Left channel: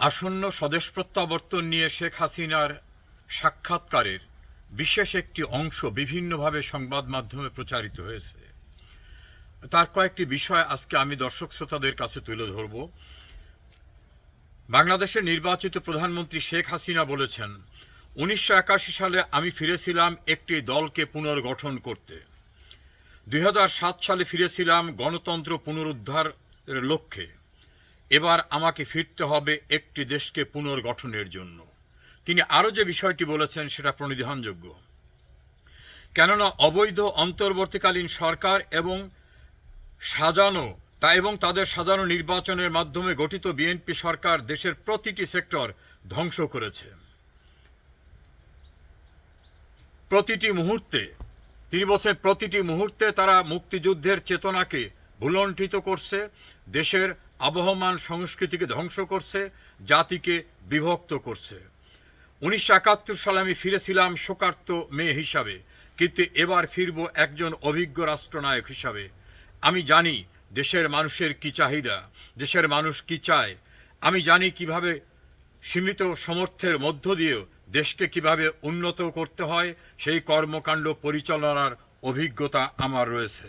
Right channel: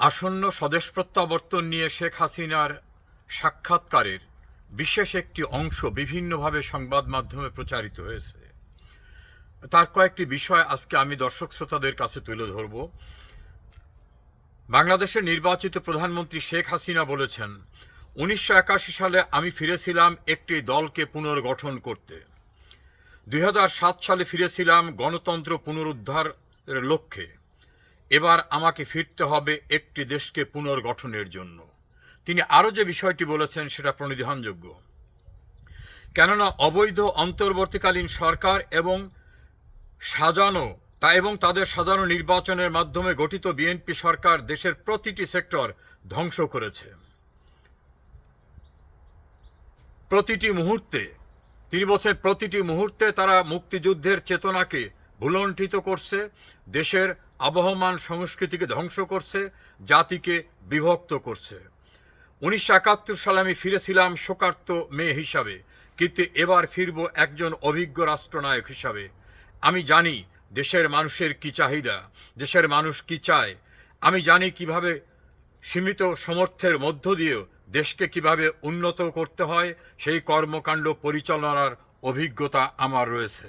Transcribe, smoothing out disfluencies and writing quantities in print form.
আসন্ন স্বদেশ প্রত্যাবর্তন নিয়ে শেখ হাসিনার সাক্ষাৎকারের বিশেষ একটি অংশ বিভিন্নভাবে সংবাদ মাধ্যমে প্রচারিত হয়েছে। তার কয়েকটি বিষয় আজকে আমি দর্শক শ্রোতাদের কাছে তুলে ধরব। বাংলাদেশের নির্বাচিত প্রধানমন্ত্রী শেখ হাসিনা বলেছেন, 1981 সালে আমি ফিরেছিলাম একটি দলকে পুনর্গঠন করতে। 2007 সালে ফিরেছিলাম গণতন্ত্র পুনরুদ্ধারের লক্ষ্যে। এবার আমাকে ফিরতে হবে একটি দেশকে পুনর্গঠনের জন্য। তিনি আরও যে বিষয়টি বলেছেন সেটা প্রণিধানযোগ্য, কেননা অবৈধ অন্তর্বর্তীকালীন সরকার এবং তাদের সাজানো নির্বাচনের মাধ্যমে গঠিত বিএনপি সরকার দেশের প্রতিটি সেক্টর ধ্বংস করেছে। প্রতিটি মুহূর্তে, তিনি বলছেন, প্রতিটি মুহূর্তে তারা মুক্তিযুদ্ধের চেতনাকে ভুলণ্ঠিত করছে, দেশের আবহমান সংস্কৃতিকে ধ্বংস করছে, জাতিকে বিভক্ত করছে। 1971 সালে আমি ফিরেছিলাম শোকার্ত মেয়ে হিসাবে, কিন্তু এবার ফিরব একজন অভিজ্ঞ রাষ্ট্রনায়ক হিসাবে। আমি জানি দেশের মানুষের কি চাহিদা, দেশের মানুষ কি চায়। আমি জানি কিভাবে সীমিত সামর্থ্যের মধ্য দিয়েও দেশকে কিভাবে উন্নত করতে হয়, সেই কর্মকাণ্ড পরিচালনার অভিজ্ঞতা আমার রয়েছে।